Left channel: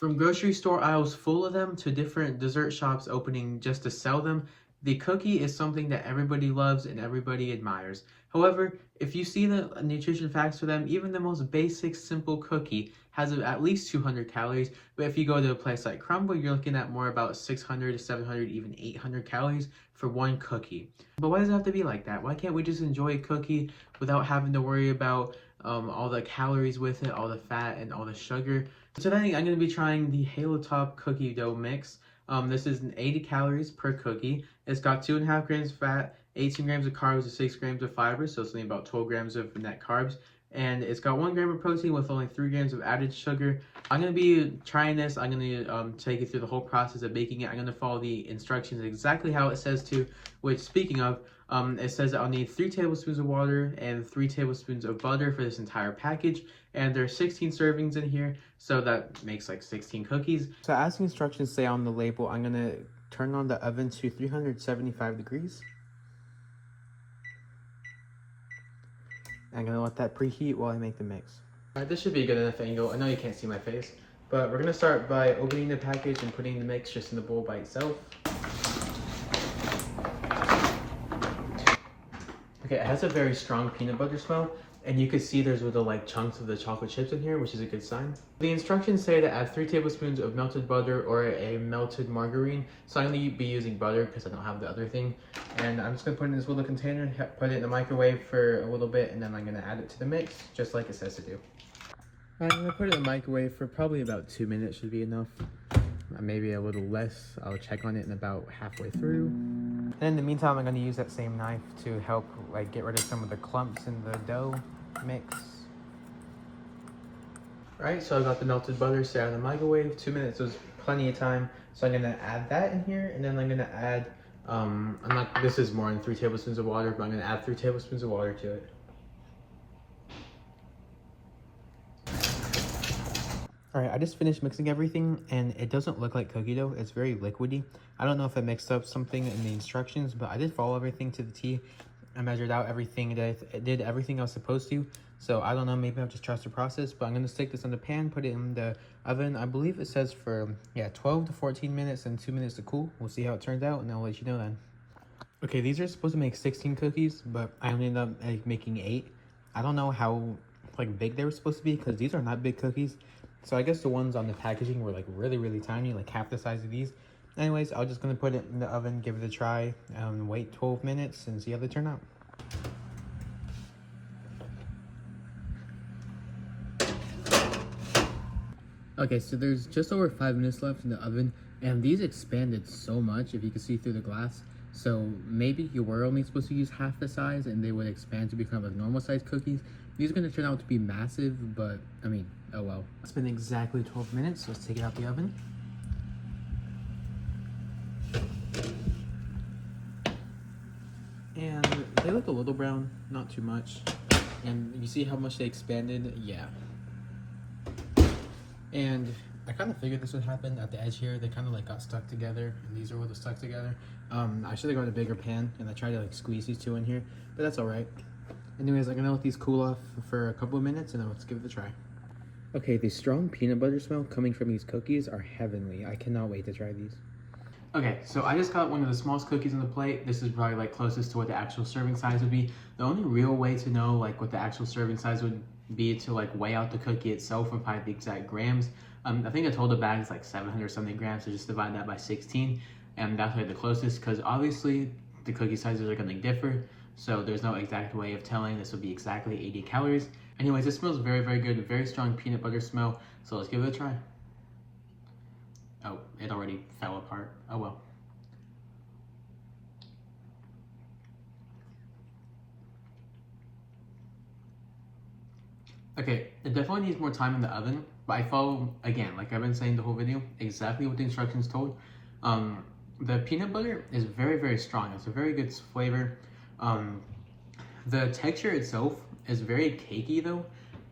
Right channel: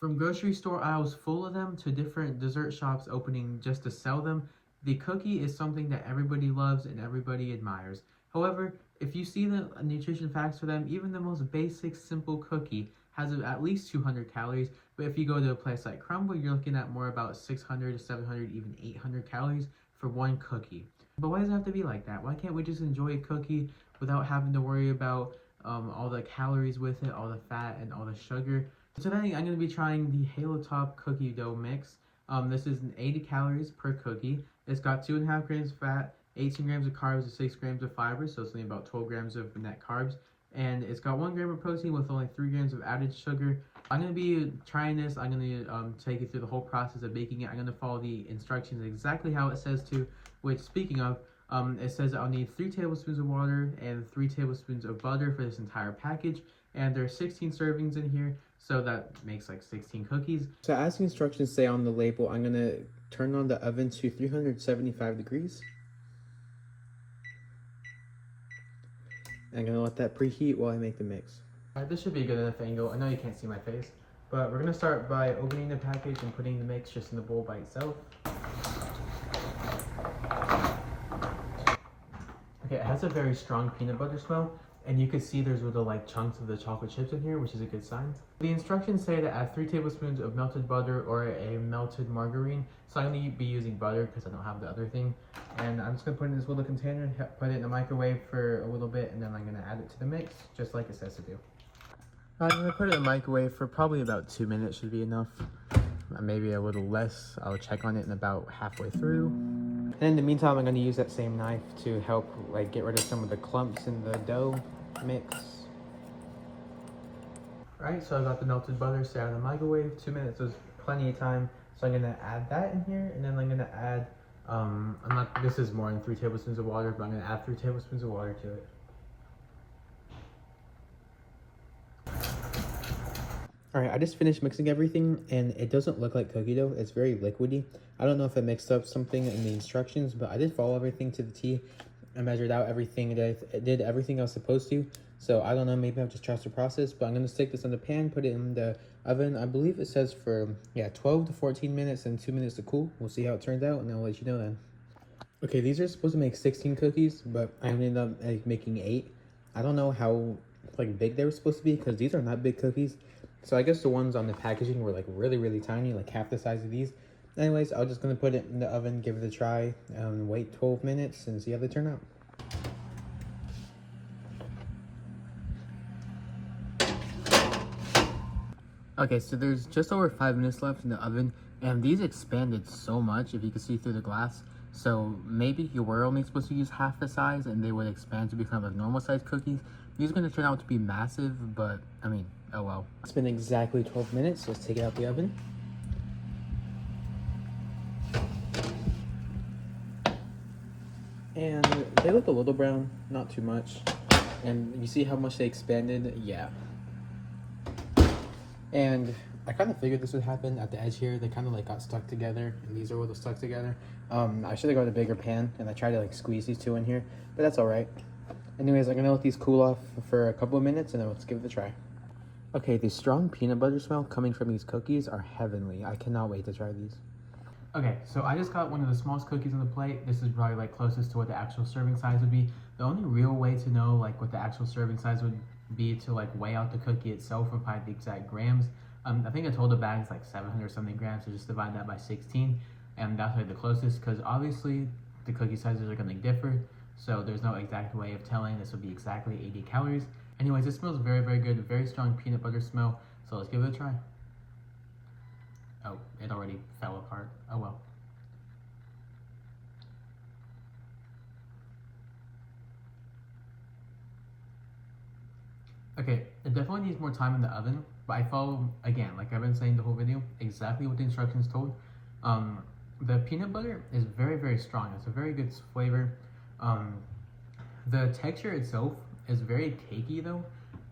From grocery store aisles full of them to different dessert shops opening just to sell them, the cookie is something that everybody loves and everybody admires. However, if you see the nutrition facts for them, even the most basic, simple cookie has at least 200 calories. But if you go to a place like Crumble, you're looking at more about 600 to 700, even 800 calories for one cookie. But why does it have to be like that? Why can't we just enjoy a cookie without having to worry about all the calories with it, all the fat, and all the sugar? Today I'm going to be trying the Halo Top cookie dough mix. This is 80 calories per cookie. It's got 2.5 grams of fat, 18 grams of carbs, and 6 grams of fiber, so it's only about 12 grams of net carbs. And it's got 1 gram of protein with only 3 grams of added sugar. I'm going to be trying this. I'm going to take you through the whole process of making it. I'm going to follow the instructions exactly how it says to, which, speaking of, it says that I'll need 3 tablespoons of water and 3 tablespoons of butter for this entire package. And there's 16 servings in here, so that makes like 16 cookies. So as the instructions say on the label, I'm going to turn on the oven to 375 degrees. I'm going to let that preheat while I make the mix. Alright, this should be a good enough angle. I know you can't see my face, but we're going to start by opening the package and putting the mix just in the bowl by itself. Okay, it has a very strong peanut butter smell, and you can see there's little like chunks of the chocolate chips in here, which is a good sign. The instructions say to add 3 tablespoons of melted butter or a melted margarine, so I'm going to be using butter because I don't have the other thing. And I'm just going to put it in this little container, put it in the microwave for a little bit, and then I'm going to add it to the mix, just like it says to do. I'm going to put it in the microwave for probably about 2 minutes should be enough. Maybe a little less. I'll check on it in about halfway through. And in the meantime, I'm going to use that same knife to help like get rid of some of the clumps in the dough mix. Alright, so I got the melted butter set in the microwave. 2 minutes was plenty of time. So I'm going to add that in here, and then I'm going to add, this is more than 3 tablespoons of water, but I'm going to add 3 tablespoons of water to it. Alright, I just finished mixing everything, and it doesn't look like cookie dough. It's very liquidy. I don't know if I mixed up something in the instructions, but I did follow everything to the T. I measured out everything, it did everything I was supposed to. So I don't know, maybe I'll just trust the process, but I'm going to stick this in the pan, put it in the oven. I believe it says for, 12 to 14 minutes and 2 minutes to cool. We'll see how it turns out, and I'll let you know then. Okay, these are supposed to make 16 cookies, but I ended up making 8. I don't know how big they were supposed to be, because these are not big cookies. So I guess the ones on the packaging were like really, really tiny, like half the size of these. Anyways, I'm just going to put it in the oven, give it a try, and wait 12 minutes and see how they turn out. Okay, so there's just over 5 minutes left in the oven, and these expanded so much, if you can see through the glass. So maybe you were only supposed to use half the size and they would expand to become like normal size cookies. These are going to turn out to be massive, but I mean, oh well. It's been exactly 12 minutes. Let's take it out the oven. And they look a little brown, not too much. And you see how much they expanded? Yeah. And I kind of figured this would happen at the edge here. They kind of like got stuck together, and these are a little stuck together. I should have gone a bigger pan, and I tried to like squeeze these two in here, but that's all right. Anyways, I'm gonna let these cool off for a couple of minutes, and then let's give it a try. Okay, the strong peanut butter smell coming from these cookies are heavenly. I cannot wait to try these. Okay, so I just got one of the smallest cookies on the plate. This is probably like closest to what the actual serving size would be. The only real way to know like what the actual serving size would be to like weigh out the cookie itself and find the exact grams. I think I told the bag is like 700 something grams, so just divide that by 16, and that's like the closest, because obviously the cookie sizes are going to differ, so there's no exact way of telling this will be exactly 80 calories. Anyways, this smells very, very good, very strong peanut butter smell, so let's give it a try. Oh, it already fell apart. Oh well. Okay, it definitely needs more time in the oven, but I follow, again, like I've been saying the whole video, exactly what the instructions told. The peanut butter is very, very strong. It's a very good flavor. The texture itself is very cakey though.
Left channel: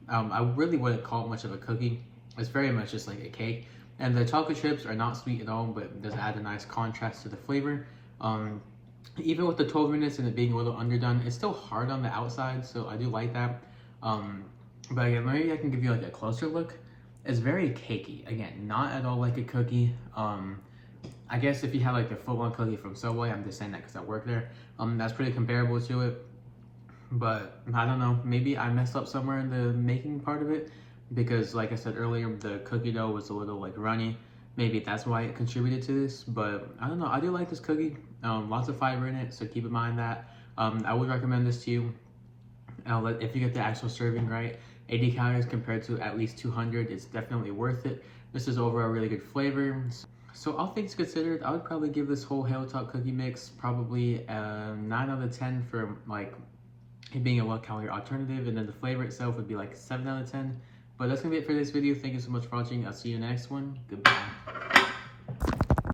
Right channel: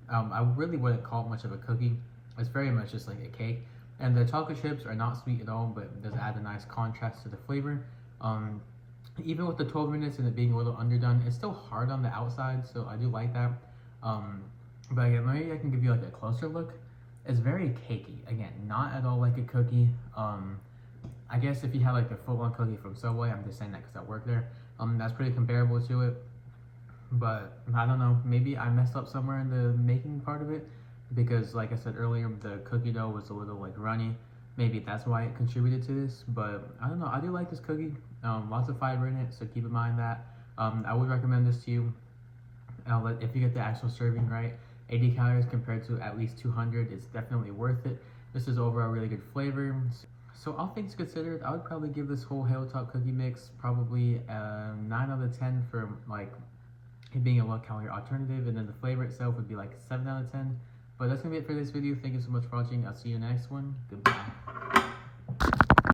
I really wouldn't call it much of a cookie. It's very much just like a cake. And the chocolate chips are not sweet at all, but it does add a nice contrast to the flavor. Even with the 12 minutes and it being a little underdone, it's still hard on the outside, so I do like that. But again, maybe I can give you like a closer look. It's very cakey. Again, not at all like a cookie. I guess if you have like the full-on cookie from Subway, I'm just saying that because I work there. That's pretty comparable to it. But I don't know. Maybe I messed up somewhere in the making part of it because, like I said earlier, the cookie dough was a little like runny. Maybe that's why it contributed to this. But I don't know. I do like this cookie. Lots of fiber in it, so keep in mind that. I would recommend this to you. If you get the actual serving right, 80 calories compared to at least 200, it's definitely worth it. This is overall really good flavor. So all things considered, I would probably give this whole Halo Top cookie mix probably a 9 out of 10 for like it being a low calorie alternative, and then the flavor itself would be like 7 out of 10. But that's gonna be it for this video. Thank you so much for watching. I'll see you in the next one. Goodbye.